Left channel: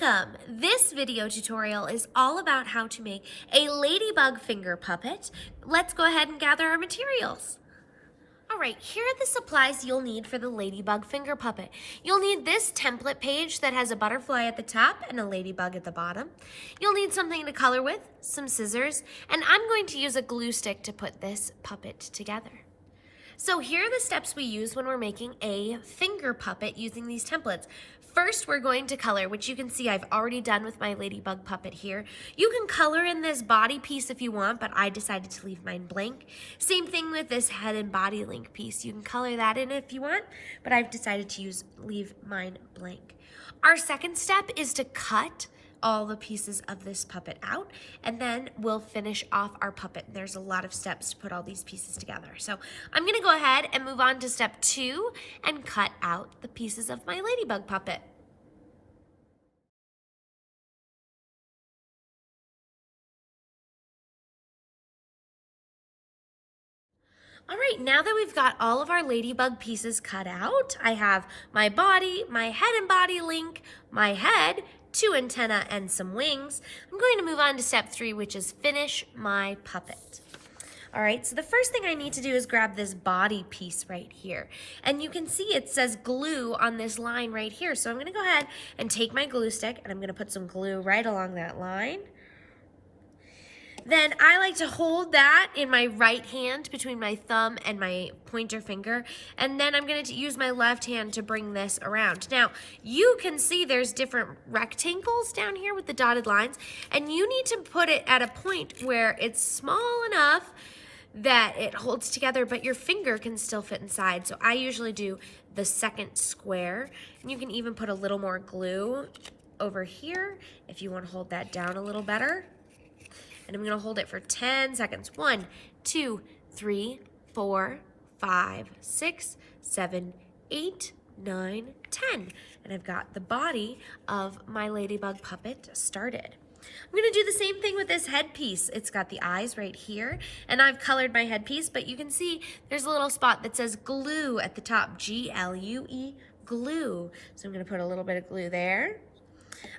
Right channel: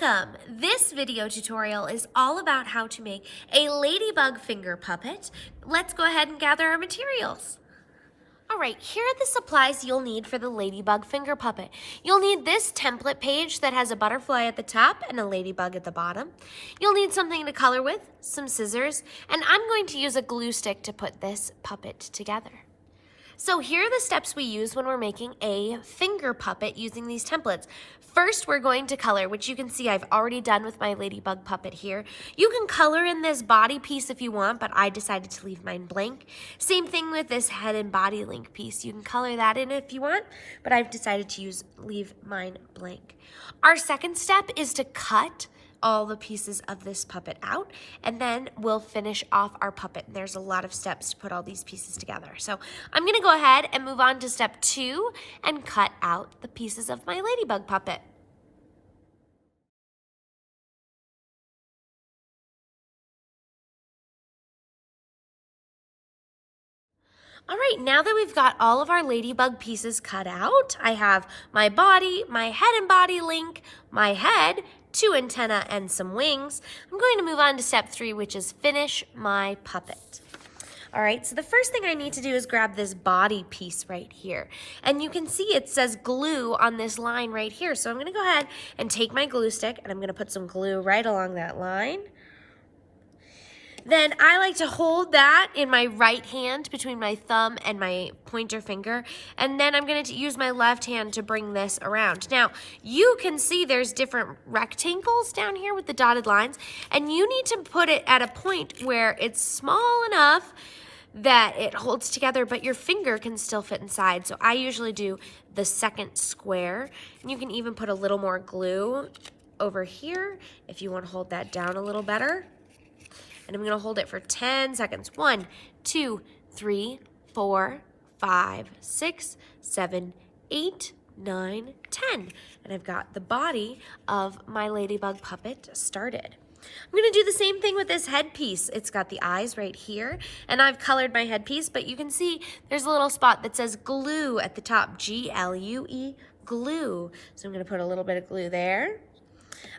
Welcome! This video tutorial is all about how to make a ladybug finger puppet. Let's go ahead and gather our materials. All right, here are the supplies you'll need for the ladybug finger puppet. You'll need this template page that has a butterfly at the top and a ladybug at the bottom. You'll need something to color with, some scissors, and I'm going to use a glue stick to put this puppet together. So here are the steps we use when we're making a finger puppet using these templates. First, we're going to color, which you can see I've already done with my ladybug puppet here. You can color in this body piece if you want, but I decided to leave mine blank. Same thing with this head and body link piece. You can color that in if you want, but I've decided to leave mine blank. Our second step is to cut all the pieces of this puppet out, and then we'll finish off our puppet. There's a lot of steps to put all these pieces together. So I'm gonna go ahead and move on to step 2 and cut out the pieces of my ladybug puppet. All right, now that we've got all of our ladybug pieces cut out, I have my body, my head and body link, my head, 2 antennae, and some wings. I'm going to move on to step 3, which is finish my puppet. All right, so the first thing I need to do is grab this body piece right here. And you can see it says glue on this line right here. So I'm gonna go ahead and take my glue stick and I'm gonna put some glue right along that line. Then I like to hold that in my right hand between my thumb and my pointer finger, and then I'm going to use my left hand to bring this around. Now, you can see there's different rectangles down here with the dotted lines, and you need to put it at a point where it's small enough that it holds together, but your finger can still fit inside. So I usually do the second square, and you can even put a little more glue over here if you want to hold that down a little better. And I'm going to hold it for 10 seconds. 1, 2, 3, 4, 5, 6, 7, 8, 9, 10. And I've got the body of my ladybug puppet started. I'm going to do the same thing with this headpiece. It's got the eyes right here, and I've colored my headpiece, but you can see there's a little spot that says glue at the top, G-L-U-E, glue. So I'm going to put a little bit of glue there.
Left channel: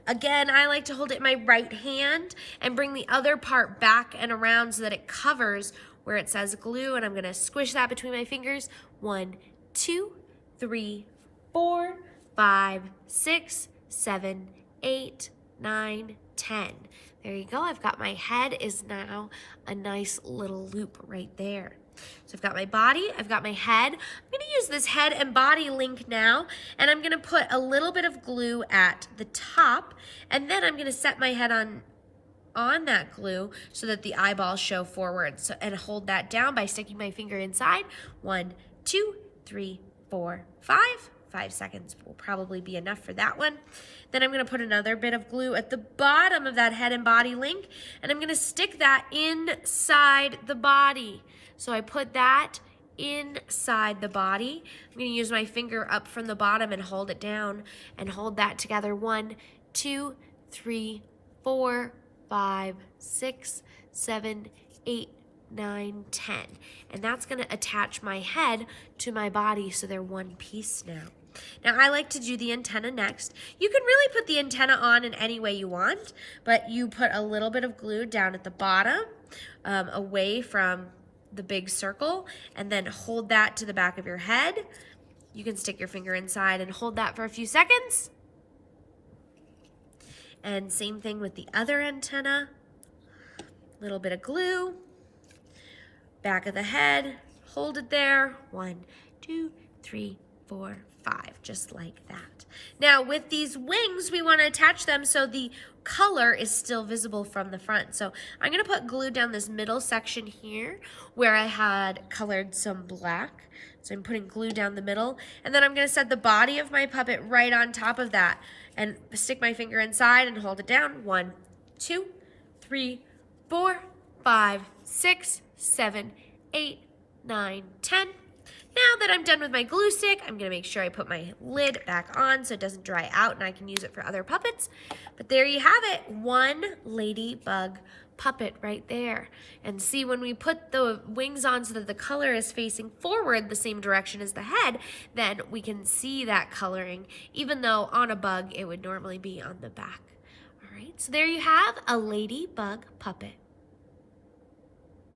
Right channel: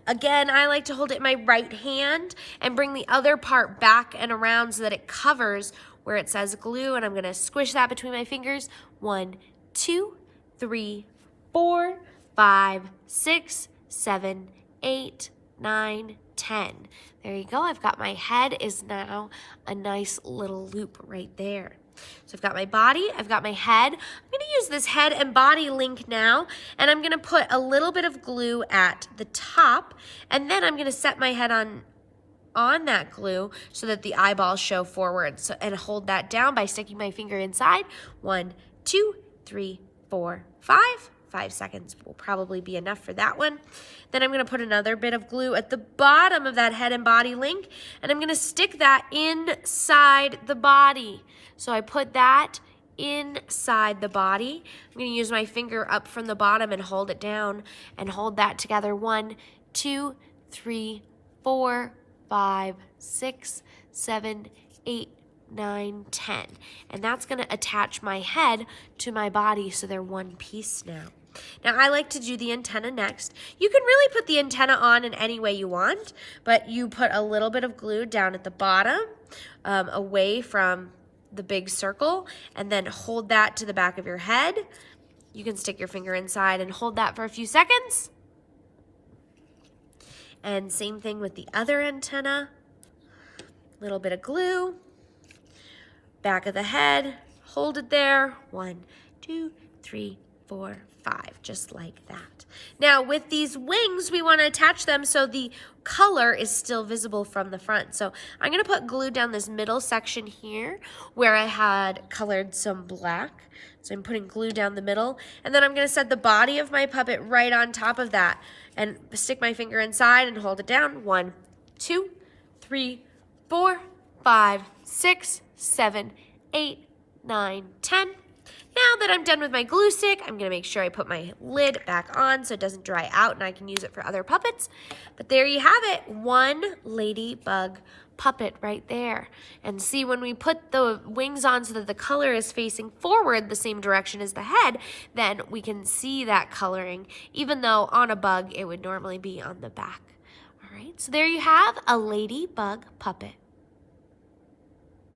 Again, I like to hold it in my right hand and bring the other part back and around so that it covers where it says glue, and I'm gonna squish that between my fingers. 1, 2, 3, 4, 5, 6, 7, 8, 9, 10. There you go. I've got my head is now a nice little loop right there. So I've got my body, I've got my head. I'm gonna use this head and body link now, and I'm gonna put a little bit of glue at the top, and then I'm gonna set my head on that glue so that the eyeballs show forward, and hold that down by sticking my finger inside. 1, 2, 3, 4, 5. 5 seconds will probably be enough for that one. Then I'm gonna put another bit of glue at the bottom of that head and body link, and I'm gonna stick that inside the body. So I put that inside the body. I'm going to use my finger up from the bottom and hold it down and hold that together. 1, 2, 3, 4, 5, 6, 7, 8, 9, 10. And that's going to attach my head to my body so they're one piece now. Now I like to do the antenna next. You can really put the antenna on in any way you want, but you put a little bit of glue down at the bottom, away from the big circle, and then hold that to the back of your head. You can stick your finger inside and hold that for a few seconds. And same thing with the other antenna. Little bit of glue, back of the head, hold it there. 1, 2, 3, 4, 5, just like that. Now with these wings, we want to attach them so the color is still visible from the front. So I'm going to put glue down this middle section here where I had colored some black. So I'm putting glue down the middle, and then I'm going to set the body of my puppet right on top of that and stick my finger inside and hold it down. 1, 2, 3, 4, 5, 6, 7, 8, 9, 10. Now that I'm done with my glue stick, I'm gonna make sure I put my lid back on so it doesn't dry out and I can use it for other puppets. But there you have it, one Ladybug puppet right there. And see, when we put the wings on so that the color is facing forward the same direction as the head, then we can see that coloring, even though on a bug it would normally be on the back. All right, so there you have a Ladybug puppet.